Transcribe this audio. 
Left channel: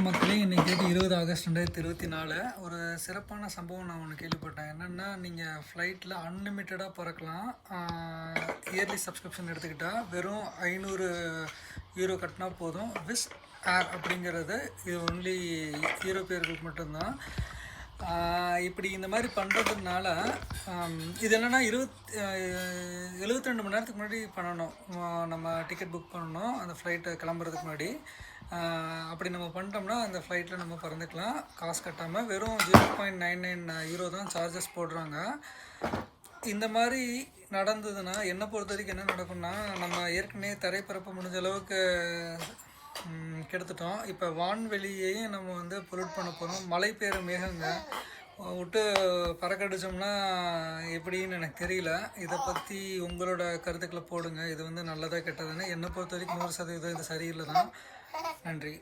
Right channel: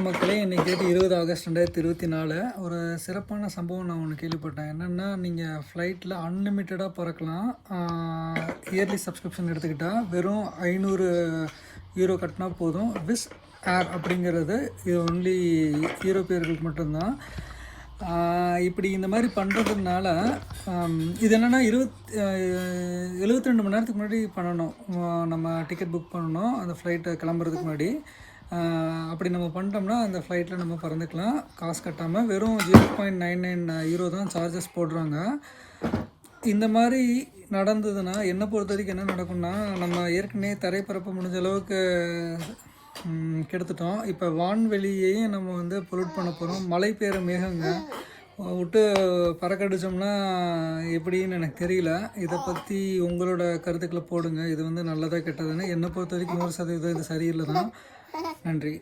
மக்களே, இன்னைக்கு date 20 August 2024. ஒரு சிறப்பான சம்பவம் நான் ஒன்று கேள்விப்பட்டேன். என்னென்னா, நீங்கள் ஃப்ளைட்டில் அன்லிமிட்டடாக பறக்கலாம். இயர்லி சப்ஸ்கிரிப்ஷன் எடுத்துக்கிட்டால் வெறும் 500 யூரோ கட்டினா போதும். விஸ் ஏர் அப்படிங்கிறது இது ஒன்லி யூரோப்பியர்களுக்கு மட்டும்தான். இப்படி இந்த மாதிரி பண்ணுறதுனால இது என்னென்னா 72 மணி நேரத்துக்கு முன்னாடி பண்ணணும். நம்ம டிக்கெட் புக் பண்ணணும் அந்த ஃப்ளைட்டை கிளம்புறதுக்கு முன்னாடி. அப்படி நம்ம பண்ணிட்டோம்னா அந்த ஃப்ளைட்டில் நம்ம பறந்துக்கலாம் காசு கட்டாமல். வெறும் 0.99 யூரோ தான் சார்ஜஸ் போடுறாங்க. இந்த மாதிரி நடந்ததுன்னா என்னை பொறுத்த வரைக்கும் என்ன நடக்கும்னா, நம்ம ஏற்கனவே தரைப்பரப்பு முடிஞ்ச அளவுக்கு கெடுத்துட்டோம். இப்போ வான்வெளியையும் நம்ம வந்து பொல்யூட் பண்ண போகிறோம். மழை பெய்கிற மேகங்க விட்டு பறக்கடிச்சோம்னா எப்படின்னு எனக்கு தெரியல. இதை பற்றி உங்களோட கருத்துக்களை போடுங்க. இது வந்து நல்லதாக கெட்டதுன்னு என்னை பொறுத்த வரைக்கும் 100% இது சரியில்லை தான். நன்றி.